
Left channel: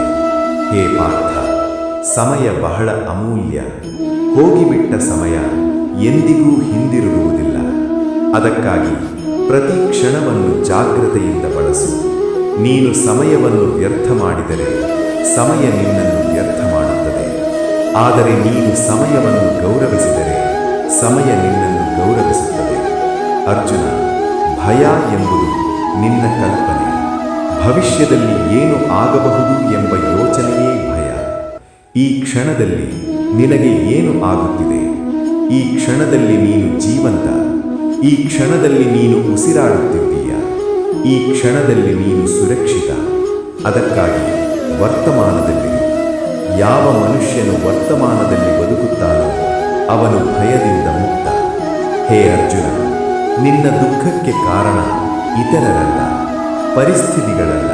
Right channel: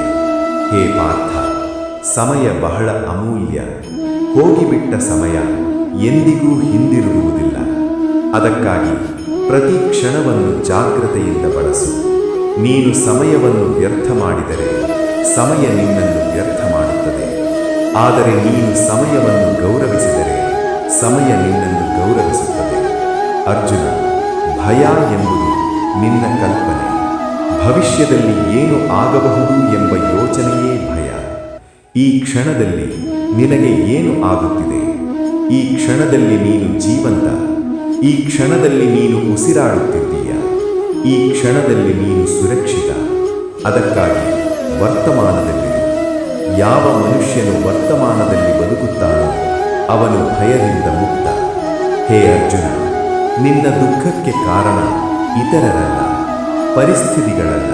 ಹೇ ಪಾರ್ಥ, ಸಮಯ ಬಹಳ ಅಮೂಲ್ಯ. ಹೋಗಿಬಿಟ್ಟ ಸಮಯ ಎಂದಿಗೂ ಹಿಂದಿರುಗುವುದಿಲ್ಲ. ಅದಕ್ಕಾಗಿ ಪ್ರತಿ ಕ್ಷಣವನ್ನು ಜಾಗ್ರತೆಯಿಂದ ಬಳಸು. ನೀನು ಸಮಯವನ್ನು ವ್ಯರ್ಥ ಮಾಡಿದರೆ ಸಮಯ ನಿನ್ನನ್ನು ವ್ಯರ್ಥ ಮಾಡುತ್ತದೆ. ಆದರೆ ನೀನು ಸಮಯವನ್ನು ಗೌರವಿಸಿದರೆ ಸಮಯ ನಿನ್ನನ್ನು ಗೌರವಿಸುತ್ತದೆ. ಅರ್ಜುನ, ಭಯ ಎಂಬುದು ನಿನ್ನ ಕಲ್ಪನೆ. ಭವಿಷ್ಯದಲ್ಲಿ ಏನು ಆಗಬಹುದು ಎಂಬ ಯೋಚನೆಯೇ ಭಯ. ಈ ಕ್ಷಣದಲ್ಲಿ ನಿನಗೆ ಏನು ಆಗುತ್ತಿದೆ? ಈ ಕ್ಷಣದಲ್ಲಿ ನೀನು ಜೀವಂತ. ಈ ಕ್ಷಣದಲ್ಲಿ ನೀನು ಉಸಿರಾಡುತ್ತಿದ್ದೀಯ. ಈ ಕ್ಷಣದಲ್ಲಿ ನೀನು ಸುರಕ್ಷಿತ. ಅದಕ್ಕಾಗಿ ವರ್ತಮಾನದಲ್ಲಿರು. ಯಾವ ಮನುಷ್ಯನು ವರ್ತಮಾನದಲ್ಲಿ ಬದುಕುತ್ತಾನೋ ಅವನು ಭಯದಿಂದ ಮುಕ್ತ. ಹೇ ಅರ್ಜುನ, ನಿನ್ನ ದುಃಖಕ್ಕೆ ಕಾರಣ ಇತರರಲ್ಲ, ಪರಿಸ್ಥಿತಿಗಳಲ್ಲ,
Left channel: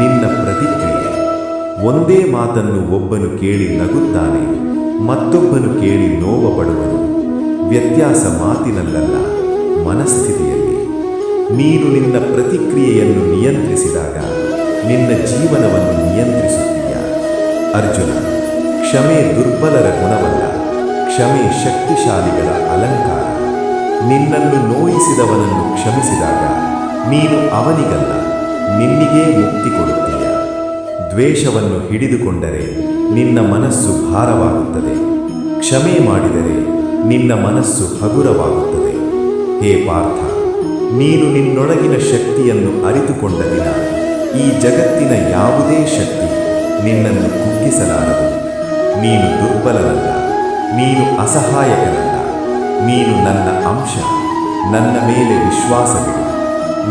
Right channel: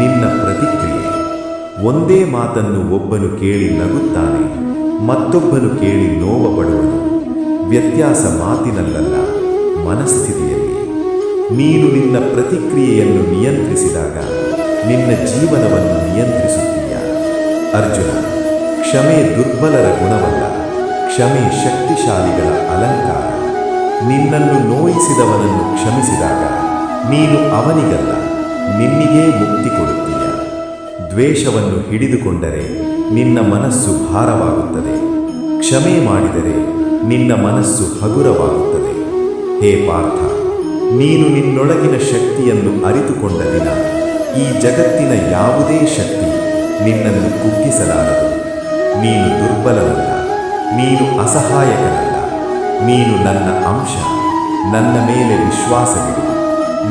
ನಿನ್ನ ಪ್ರತಿಕ್ರಿಯೆ. ಒಂದೇ ಮಾತನ್ನು ಒಬ್ಬನು ಕೇಳಿ ನಗುತ್ತಾನೆ, ಮತ್ತೊಬ್ಬನು ಕೇಳಿ ನೋವಪಡುವನು. ವ್ಯತ್ಯಾಸ ಮಾತಿನಲ್ಲಲ್ಲ, ಮನಸ್ಥಿತಿಯಲ್ಲಿ. ನೀನು ನಿನ್ನ ಪ್ರತಿಕ್ರಿಯೆಯನ್ನು ನಿಯಂತ್ರಿಸಿದಾಗ ನಿನ್ನ ಜೀವನವನ್ನು ನಿಯಂತ್ರಿಸುತ್ತೀಯ. ಅರ್ಜುನ, ಕ್ಷಮೆ ದುರ್ಬಲರ ಗುಣವಲ್ಲ, ಕ್ಷಮೆ ಶಕ್ತಿಶಾಲಿಗಳ ಅಲಂಕಾರ. ನಿನ್ನನ್ನು ನೋಯಿಸಿದವನನ್ನು ಕ್ಷಮಿಸಿದಾಗ ನೀನು ಅವನಿಗಲ್ಲ, ನಿನ್ನಿಗೇ ಮುಕ್ತಿ ಕೊಡುತ್ತೀಯ. ದ್ವೇಷವನ್ನು ಹಿಡಿದುಕೊಂಡರೆ ನಿನ್ನ ಮನಸ್ಸು ಭಾರವಾಗುತ್ತದೆ. ಕ್ಷಮೆ ಮಾಡಿದರೆ ನಿನ್ನ ಮನಸ್ಸು ಹಗುರವಾಗುತ್ತದೆ. ಹೇ ಪಾರ್ಥ, ನೀನು ನಿನ್ನೊಳಗಿನ ಶಕ್ತಿಯನ್ನು ಅರಿತುಕೊಂಡ ದಿನ ಈ ಜಗತ್ತಿನ ಯಾವುದೇ ಶಕ್ತಿ ನಿನ್ನನ್ನು ಕುಗ್ಗಿಸಲಾರದು. ನೀನು ದುರ್ಬಲನಲ್ಲ, ನೀನು ಅಸಹಾಯಕನಲ್ಲ, ನೀನು ನನ್ನ ಅಂಶ. ನನ್ನ ಮೇಲೆ ವಿಶ್ವಾಸವಿಡು,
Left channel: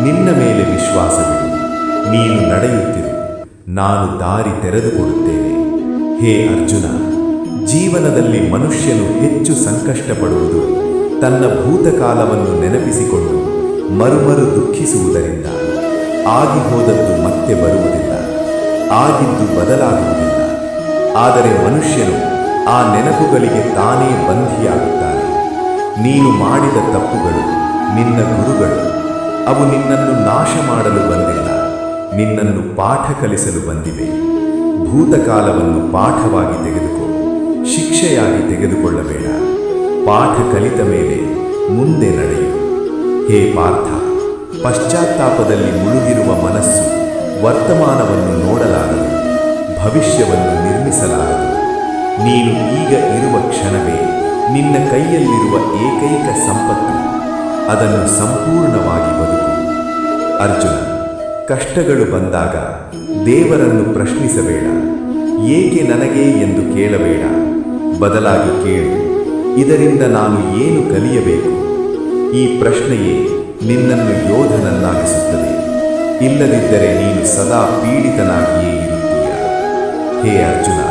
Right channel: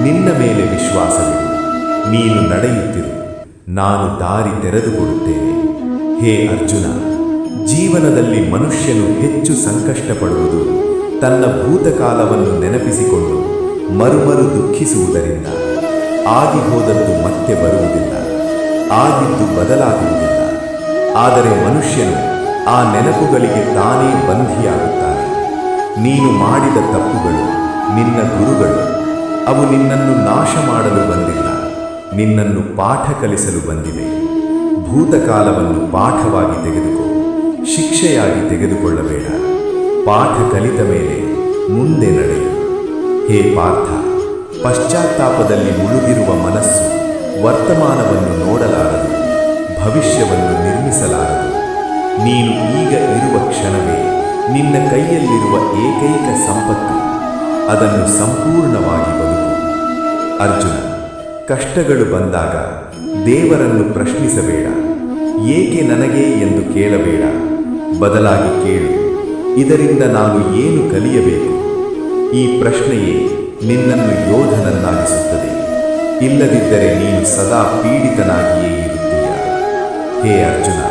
ನಿನ್ನ ಮೇಲೆ ವಿಶ್ವಾಸವಿಡು. ನೀನು ನಡೆಯುತ್ತಿರು, ನಾನು ದಾರಿ ತೆರೆದುಕೊಡುತ್ತೇನೆ. ಹೇ ಅರ್ಜುನ, ಜೀವನದಲ್ಲಿ ಮನುಷ್ಯನು ಹೆಚ್ಚು ಸಂಕಷ್ಟಪಡುವುದು ತನ್ನ ಭೂತಕಾಲವನ್ನು ನೆನಪಿಸಿಕೊಂಡು ಮರುಮರು ದುಃಖಿಸುವುದರಿಂದ. ಆಗಿ ಹೋದದ್ದು ಮತ್ತೆ ಬರುವುದಿಲ್ಲ, ಆಗಿದ್ದು ಬದಲಾಗುವುದಿಲ್ಲ. ಆದರೆ ಮನುಷ್ಯನು ಆ ನೆನಪುಗಳಿಗೆ ತಾನೇ ಬಂಧಿಯಾಗುತ್ತಾನೆ. ನೀನು ಮಾಡಿದ ತಪ್ಪುಗಳು ನಿನ್ನ ಗುರುಗಳು. ಅವು ನಿನ್ನನ್ನು ನಾಶ ಮಾಡಲು ಬಂದಿಲ್ಲ, ನಿನ್ನನ್ನು ಪಾಠ ಕಲಿಸಲು ಬಂದಿವೆ. ಭೂತಕಾಲವನ್ನು ಪಾಠವಾಗಿ ತೆಗೆದುಕೋ, ಶಿಕ್ಷೆಯಾಗಿ ತೆಗೆದುಕೊಳ್ಳಬೇಡ. ಪಾಠ ಕಲಿತ ಮೇಲೆ ಮುಂದೆ ನಡೆಯು. ಹೇ ಪಾರ್ಥ, ಪಶ್ಚಾತ್ತಾಪದಲ್ಲಿ ಮುಳುಗಿರುವ ಮನಸ್ಸು ವರ್ತಮಾನವನ್ನು ನೋಡಲಾರದು, ಭವಿಷ್ಯವನ್ನು ನಿರ್ಮಿಸಲಾರದು. ನೀನು ಈಗ ಇರುವ ಕ್ಷಣವೇ ನಿನ್ನ ಕೈಯಲ್ಲಿರುವ ಏಕೈಕ ಸಂಪತ್ತು. ಅದನ್ನು ಸಂಪೂರ್ಣವಾಗಿ ಬದುಕು. ಅರ್ಜುನ, ಕಷ್ಟಗಳು ಬಂದಾಗ ದೇವರನ್ನು ಪ್ರಶ್ನಿಸಬೇಡ. ಏಕೆ ನನಗೆ ಎಂದು ಕೇಳಬೇಡ. ಬದಲಾಗಿ ಕೇಳು, ಇದರಿಂದ ನಾನು ಏನು ಕಲಿಯಬೇಕು? ಈ ಪ್ರಶ್ನೆಯೇ ನಿನ್ನನ್ನು ಯೋಧನನ್ನಾಗಿಸುತ್ತದೆ. ಇಲ್ಲದಿದ್ದರೆ ನೀನು ಸದಾ ಪೀಡಿತನಾಗಿಯೇ ಇರುತ್ತೀಯ. ಹೇ ಅರ್ಜುನ,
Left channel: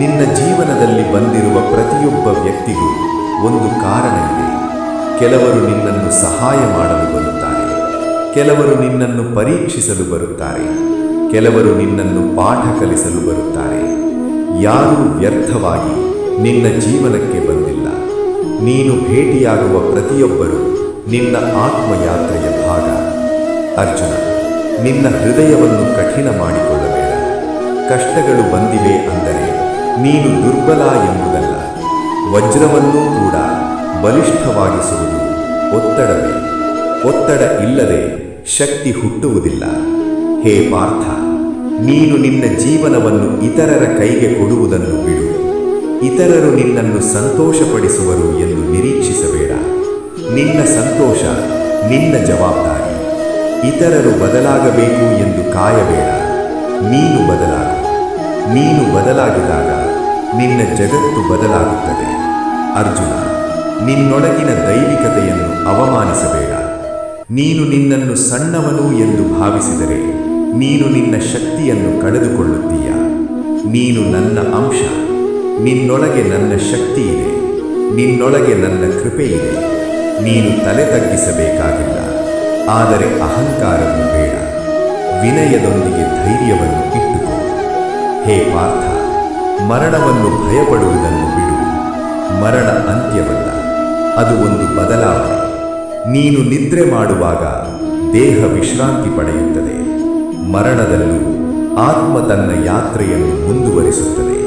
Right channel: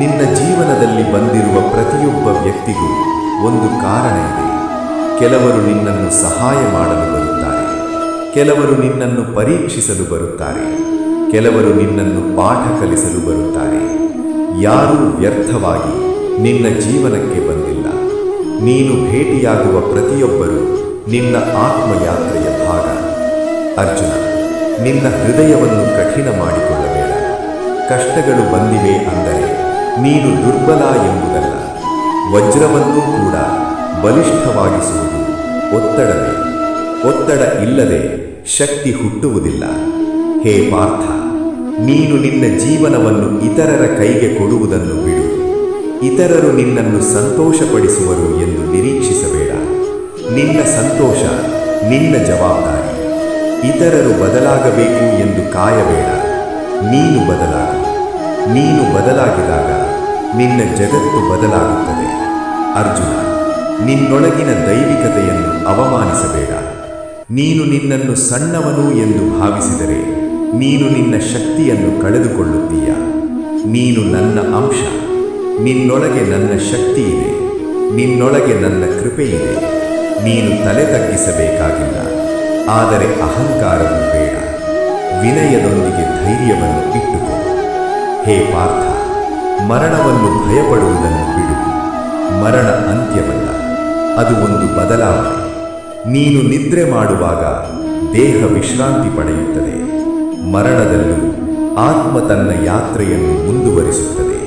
ನಿನ್ನ ಜೀವನದಲ್ಲಿ ಬಂದಿರುವ ಪ್ರತಿಯೊಬ್ಬ ವ್ಯಕ್ತಿಗೂ ಒಂದು ಕಾರಣ ಇದೆ. ಕೆಲವರು ನಿನ್ನನ್ನು ಸಹಾಯ ಮಾಡಲು ಬರುತ್ತಾರೆ, ಕೆಲವರು ನಿನ್ನನ್ನು ಪರೀಕ್ಷಿಸಲು ಬರುತ್ತಾರೆ, ಕೆಲವರು ನಿನ್ನನ್ನು ಪಾಠ ಕಲಿಸಲು ಬರುತ್ತಾರೆ. ಯಾರೂ ವ್ಯರ್ಥವಾಗಿ ನಿನ್ನ ಜೀವನಕ್ಕೆ ಬಂದಿಲ್ಲ. ನೀನು ಭೇಟಿಯಾಗುವ ಪ್ರತಿಯೊಬ್ಬರೂ ನಿನ್ನ ಆತ್ಮಯಾತ್ರೆಯ ಭಾಗ. ಅರ್ಜುನ, ನಿನ್ನ ಹೃದಯವನ್ನು ಕಠಿಣ ಮಾಡಿಕೊಳ್ಳಬೇಡ. ಕಷ್ಟಗಳು ಬಂದಿವೆ ಅಂದರೆ ನೀನು ದುರ್ಬಲ ಎಂಬುದಲ್ಲ. ವಜ್ರವನ್ನೂ ಕೂಡ ಬಲಿಷ್ಠವಾಗಿಸುವುದು ಒತ್ತಡವೇ. ಒತ್ತಡ ಇಲ್ಲದೆ ಶಕ್ತಿ ಹುಟ್ಟುವುದಿಲ್ಲ. ಹೇ ಪಾರ್ಥ, ನೀನು ನಿನ್ನ ಜೀವನವನ್ನು ಇತರರ ಕೈಗೆ ಕೊಡುವುದನ್ನು ಬಿಡು. ಇತರರು ನಿನ್ನನ್ನು ಸಂತೋಷಪಡಿಸುವರು ಎಂದು ನಿರೀಕ್ಷಿಸಬೇಡ. ನಿನ್ನ ಸಂತೋಷ ನಿನ್ನ ಜವಾಬ್ದಾರಿ. ಇತರರು ಬದಲಾಗಬೇಕು ಎಂದು ಕಾಯಬೇಡ. ನೀನು ಬದಲಾಗು. ನೀನು ಬದಲಾಗಿದಾಗ ನಿನ್ನ ಜಗತ್ತು ಬದಲಾಗುತ್ತದೆ. ಅರ್ಜುನ, ನಿನ್ನೊಳಗಿನ ದೈವಿಕತೆಯನ್ನು ಅವಮಾನಿಸಬೇಡ. ನೀನು ನಿನ್ನನ್ನು ಸಣ್ಣವನು ಎಂದು ಭಾವಿಸಿದರೆ ನೀನು ನಿನ್ನ ಶಕ್ತಿಯನ್ನು ಕಳೆದುಕೊಳ್ಳುತ್ತೀಯ. ನೀನು ನನ್ನ ಅಂಶ. ನಿನ್ನೊಳಗೆ ನನ್ನ ಶಕ್ತಿ ಇದೆ, ನಿನ್ನೊಳಗೆ ನನ್ನ ಕೃಪೆ ಇದೆ. ನೀನು ತಲೆ ತಗ್ಗಿಸಬೇಕಾಗಿಲ್ಲ, ಆದರೆ ಅಹಂಕಾರವೂ ಬೇಡ. ವಿನಯದೊಂದಿಗೆ ಧೈರ್ಯವನ್ನು ಇಟ್ಟುಕೋ. ಹೇ ಪಾರ್ಥ, ಮರಣವನ್ನು ಭಯಪಡುವುದನ್ನು ಬಿಡು. ಮರಣ ಅಂತ್ಯವಲ್ಲ, ಅದು ಒಂದು ಬದಲಾವಣೆ. ನೀನು ನಿದ್ರೆ ಮಾಡುವಾಗ ದೇಹ ವಿಶ್ರಾಂತಿ ಪಡೆಯುತ್ತದೆ. ಮರಣದಲ್ಲೂ ಆತ್ಮ ತನ್ನ ಯಾತ್ರೆಯನ್ನು ಮುಂದುವರಿಸುತ್ತದೆ.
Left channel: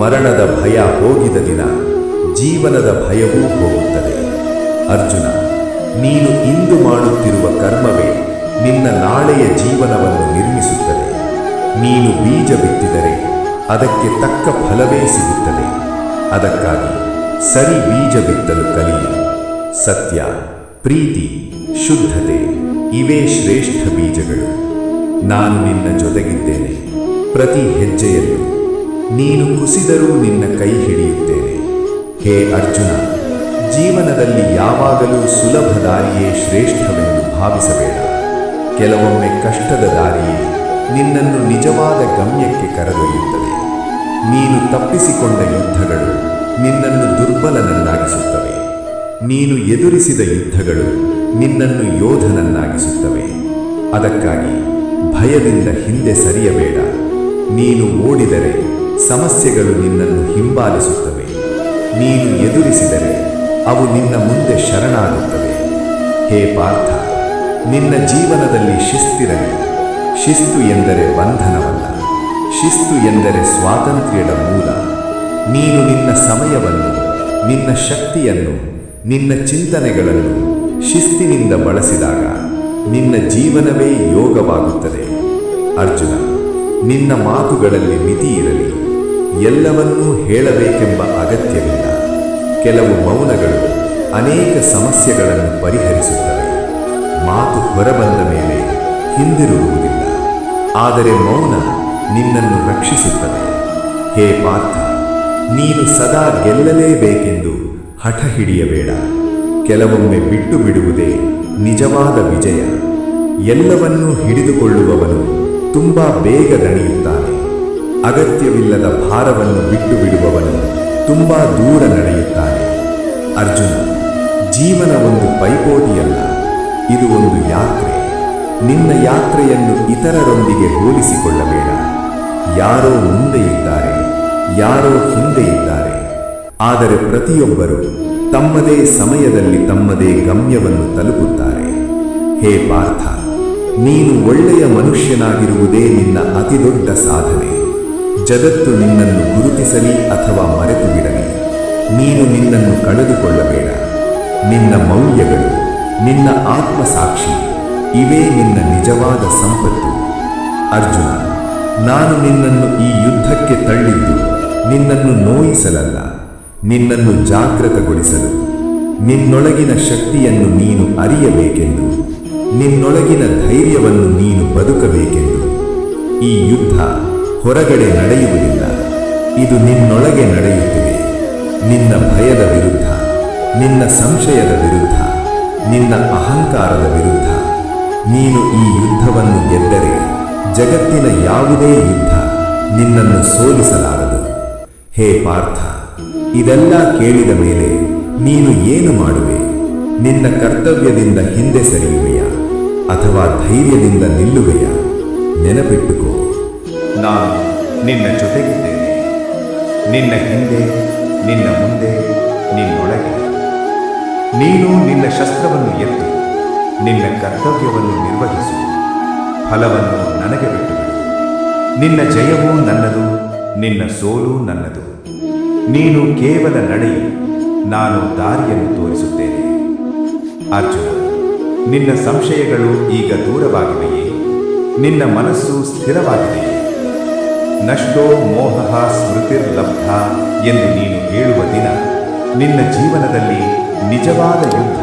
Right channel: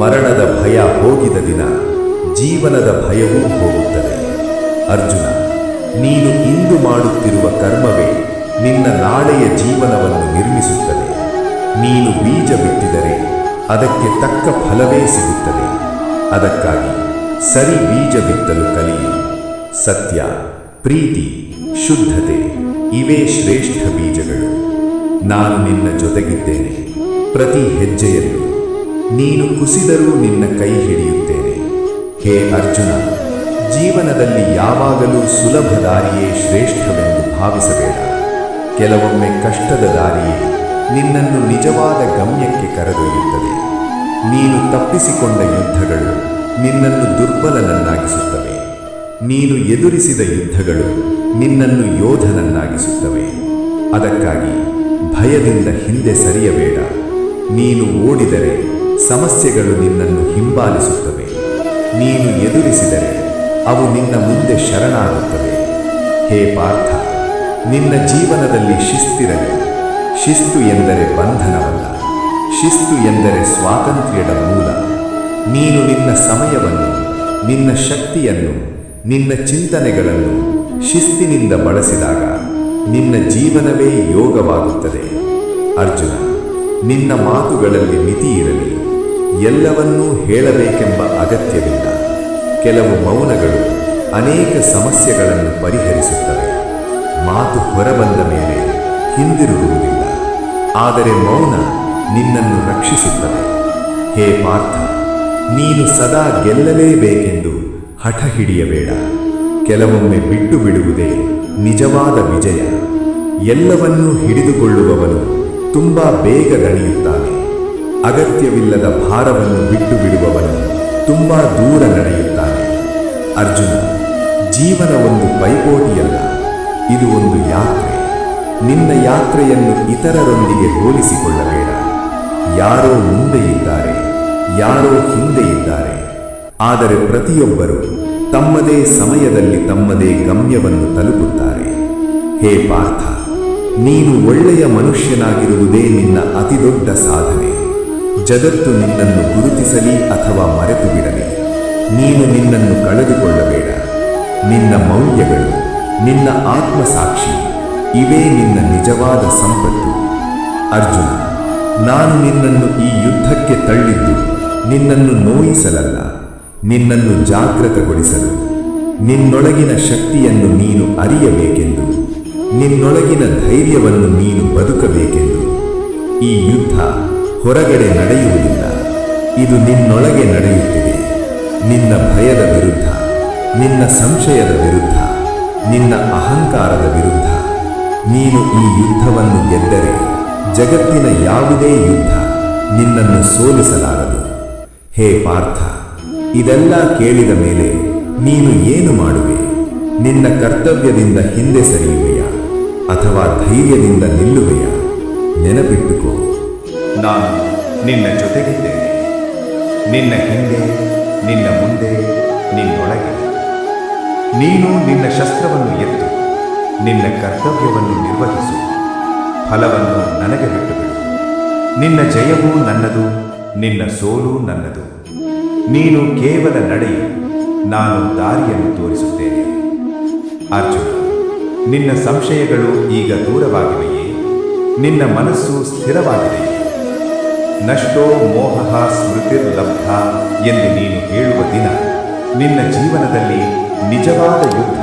ಮರಣದ ಭಯ ಹೋಗಿದ ದಿನ ಜೀವನದ ಭಯವೂ ಹೋಗುತ್ತದೆ. ಅರ್ಜುನ, ನೀನು ಇಂದು ಮಾಡುತ್ತಿರುವ ಕರ್ಮವೇ ನಿನ್ನ ನಾಳೆಯ ಜೀವನವನ್ನು ನಿರ್ಮಿಸುತ್ತದೆ. ನೀನು ಬೀಜ ಬಿತ್ತಿದರೆ ಅದಕ್ಕೆ ತಕ್ಕ ಫಲವೇ ಸಿಗುತ್ತದೆ. ಅದಕ್ಕಾಗಿ ಸರಿ ಬೀಜ ಬಿತ್ತಲು ಕಲಿಯು. ಸತ್ಯ, ಪ್ರೀತಿ, ಶುದ್ಧತೆ ಇವೇ ಶ್ರೇಷ್ಠ ಬೀಜಗಳು. ನಾನು ನಿನ್ನ ಜೊತೆಗಿದ್ದೇನೆ. ಪ್ರತಿ ಹೆಜ್ಜೆಯಲ್ಲೂ ನೀನು ಕುಸಿದರೂ ನಿನ್ನ ಕೈ ಹಿಡಿಯುತ್ತೇನೆ. ಹೇ ಅರ್ಜುನ, ಜೀವನದಲ್ಲಿ ಯಾವಾಗಲೂ ಸುಲಭ ದಾರಿಯೇ ಶ್ರೇಷ್ಠವೆಂದು ಭಾವಿಸಬೇಡ. ಕೆಲವೊಮ್ಮೆ ಕಷ್ಟದ ದಾರಿಯೇ ನಿನ್ನನ್ನು ನಿಜವಾದ ಗಮ್ಯಕ್ಕೆ ಕರೆದೊಯ್ಯುತ್ತದೆ. ನೀನು ತಪ್ಪಿಸಿಕೊಂಡ ಯುದ್ಧಗಳು ನಿನ್ನನ್ನು ದುರ್ಬಲನನ್ನಾಗಿಸುತ್ತವೆ. ನೀನು ಎದುರಿಸಿದ ಯುದ್ಧಗಳು ನಿನ್ನನ್ನು ಯೋಧನನ್ನಾಗಿಸುತ್ತವೆ. ಅದಕ್ಕಾಗಿ ಭಯದಿಂದ ಹಿಂದೆ ಸರಿಯಬೇಡ. ನೀನು ಓಡಿದರೆ ಸಮಸ್ಯೆಗಳು ನಿನ್ನನ್ನು ಹಿಂಬಾಲಿಸುತ್ತವೆ. ನೀನು ಎದುರಿಸಿದರೆ ಅವು ನಿನ್ನ ಮುಂದೆ ಶರಣಾಗುತ್ತವೆ. ಹೇ ಪಾರ್ಥ, ನಿನ್ನ ಜೀವನದಲ್ಲಿ ಶಿಸ್ತಿರಲಿ. ಶಿಸ್ತು ಎಂದರೆ ಬಂಧನವಲ್ಲ, ಶಿಸ್ತು ಎಂದರೆ ಸ್ವಾತಂತ್ರ್ಯದ ಮೂಲ. ನೀನು ನಿನ್ನ ಸಮಯವನ್ನು, ನಿನ್ನ ಶಕ್ತಿಯನ್ನು, ನಿನ್ನ ಚಿಂತನೆಗಳನ್ನು ಶಿಸ್ತಿನಿಂದ ಬಳಸಿದಾಗ ನಿನ್ನ ಜೀವನವೇ ಯೋಗವಾಗುತ್ತದೆ. ಅರ್ಜುನ, ನಿನ್ನ ಮಾತುಗಳಲ್ಲಿ ಮಿತಿ ಇರಲಿ. ಎಲ್ಲವನ್ನೂ ಹೇಳಬೇಕೆಂಬ ಅಗತ್ಯವಿಲ್ಲ. ಕೆಲವು ಮೌನಗಳು ಅನೇಕ ಸಮಸ್ಯೆಗಳನ್ನು ಪರಿಹರಿಸುತ್ತವೆ. ಮಾತು ಹೊರಬಂದ ಮೇಲೆ ಹಿಂದಿರುಗುವುದಿಲ್ಲ, ಆದರೆ ಮೌನ ನಿನ್ನನ್ನು ರಕ್ಷಿಸುತ್ತದೆ. ಹೇ ಪಾರ್ಥ, ನೀನು ಸದಾ ಗೆಲ್ಲಲೇಬೇಕೆಂದು ಹಠ ಹಿಡಿಯಬೇಡ. ಕೆಲವೊಮ್ಮೆ ಬಿಟ್ಟು ಬಿಡುವುದೇ ನಿಜವಾದ ವಿಜಯ. ಎಲ್ಲವನ್ನೂ ಹಿಡಿದುಕೊಳ್ಳುವವನು ತುಂಬಾ ಬೇಗ ದಣಿಯುತ್ತಾನೆ. ಅಗತ್ಯವಿಲ್ಲದ ಭಾರವನ್ನು ಬಿಟ್ಟು ಬಿಡುವವನು ತುಂಬಾ ದೂರ ನಡೆಯುತ್ತಾನೆ. ಅರ್ಜುನ, ಜೀವನ ಒಂದು ಪೈಪೋಟಿಯಲ್ಲ, ಇದು ಒಂದು ಯಾತ್ರೆ. ನಿನ್ನ ಯಾತ್ರೆಯನ್ನು ಇತರರೊಂದಿಗೆ ಹೋಲಿಸಿಕೊಳ್ಳಬೇಡ. ಯಾರೋ ಮುಂದೆ ಇದ್ದಾರೆ, ಯಾರೋ ಹಿಂದೆ ಇದ್ದಾರೆ, ಆದರೆ ಪ್ರತಿಯೊಬ್ಬರು ತಮ್ಮದೇ ಸಮಯದಲ್ಲಿ ತಮ್ಮದೇ ಗಮ್ಯವನ್ನು ತಲುಪುತ್ತಾರೆ. ಹೇ ಪಾರ್ಥ, ನೀನು ಒಳ್ಳೆಯ ಮನುಷ್ಯನಾಗಿರುವುದೇ ನಿನ್ನ ಅತಿದೊಡ್ಡ ಸಾಧನೆ. ಜಗತ್ತು ನಿನ್ನನ್ನು ಗುರುತಿಸಲಿ ಅಥವಾ ಮರೆತು ಬಿಡಲಿ, ನೀನು ನಿನ್ನನ್ನು ಕಳೆದುಕೊಳ್ಳಬೇಡ. ನಿನ್ನ ಮೌಲ್ಯಗಳು, ನಿನ್ನ ಆತ್ಮಸಾಕ್ಷಿ, ಇವೇ ನಿನ್ನ ನಿಜವಾದ ಸಂಪತ್ತು. ಅರ್ಜುನ, ನಾನು ನಿನ್ನನ್ನು ಈ ಯುದ್ಧಕ್ಕೆ ತಳ್ಳಿದ್ದು ನಿನ್ನನ್ನು ನೋಯಿಸಲಲ್ಲ, ನಿನ್ನನ್ನು ಜಾಗೃತಗೊಳಿಸಲು. ನಿನ್ನೊಳಗಿನ ಶಕ್ತಿಯನ್ನು ನೀನು ಅರಿಯಬೇಕೆಂದು, ನಿನ್ನೊಳಗಿನ ಧೈರ್ಯವನ್ನು ನೀನು ಬದುಕಬೇಕೆಂದು. ಈ ಯುದ್ಧ ಹೊರಗಡೆ ನಡೆಯುವುದಿಲ್ಲ, ಇದು ನಿನ್ನೊಳಗೆ ನಡೆಯುತ್ತಿದೆ. ನಿನ್ನ ಭಯದ ವಿರುದ್ಧ, ನಿನ್ನ ಸಂಶಯದ ವಿರುದ್ಧ, ನಿನ್ನ ಅಹಂಕಾರದ ವಿರುದ್ಧ. ನೀನು ಈ ಯುದ್ಧವನ್ನು ಗೆದ್ದರೆ ಜಗತ್ತಿನ ಯಾವುದೇ ಯುದ್ಧ ನಿನ್ನನ್ನು ಸೋಲಿಸಲಾರದು. ಹೇ ಪಾರ್ಥ, ಇದೆಲ್ಲ ಕೇಳಿದ ಮೇಲೆ ನೀನು ಏನು ಮಾಡುವೆ? ನಿನ್ನ ಕರ್ತವ್ಯದಿಂದ ಹಿಂದೆ ಸರಿಯುವೆಯಾ ಅಥವಾ ಧೈರ್ಯದಿಂದ ನಿಲ್ಲುವೆಯಾ? ನೆನಪಿಟ್ಟುಕೋ, ನಾನು ನಿನ್ನ ಜೊತೆಗಿದ್ದೇನೆ. ನಿನ್ನ ಹಿಂದೆ, ನಿನ್ನ ಮುಂದೆ, ನಿನ್ನೊಳಗೆ. ನೀನು ನಿನ್ನ ಶಸ್ತ್ರವನ್ನು ಎತ್ತು, ನಿನ್ನ ಕರ್ತವ್ಯವನ್ನು ನಿರ್ವಹಿಸು. ಫಲವನ್ನು ನನಗೆ ಬಿಟ್ಟುಬಿಡು. ನಿನ್ನ ಜಯವೂ ನನ್ನದು, ನಿನ್ನ ಸೋಲು ನನ್ನದು. ನೀನು ಕೇವಲ ನಡೆಯು, ನಾನು ದಾರಿಯನ್ನು ತೋರಿಸುತ್ತೇನೆ. ಅರ್ಜುನ, ನಿನ್ನ ಸಂಶಯಗಳು ಈಗ ದೂರವಾಗಿವೆಯೇ? ನಿನ್ನ ಮನಸ್ಸು ಸ್ಥಿರವಾಗಿದೆಯೇ? ನಷ್ಟೋ ಮೋಹಃ ಸ್ಮೃತಿರ್ಲಬ್ಧ ಎಂದು ನೀನು ಹೇಳುವ ದಿನ ನಿನ್ನ ಜೀವನದಲ್ಲಿ ನಿಜವಾದ ಯುದ್ಧ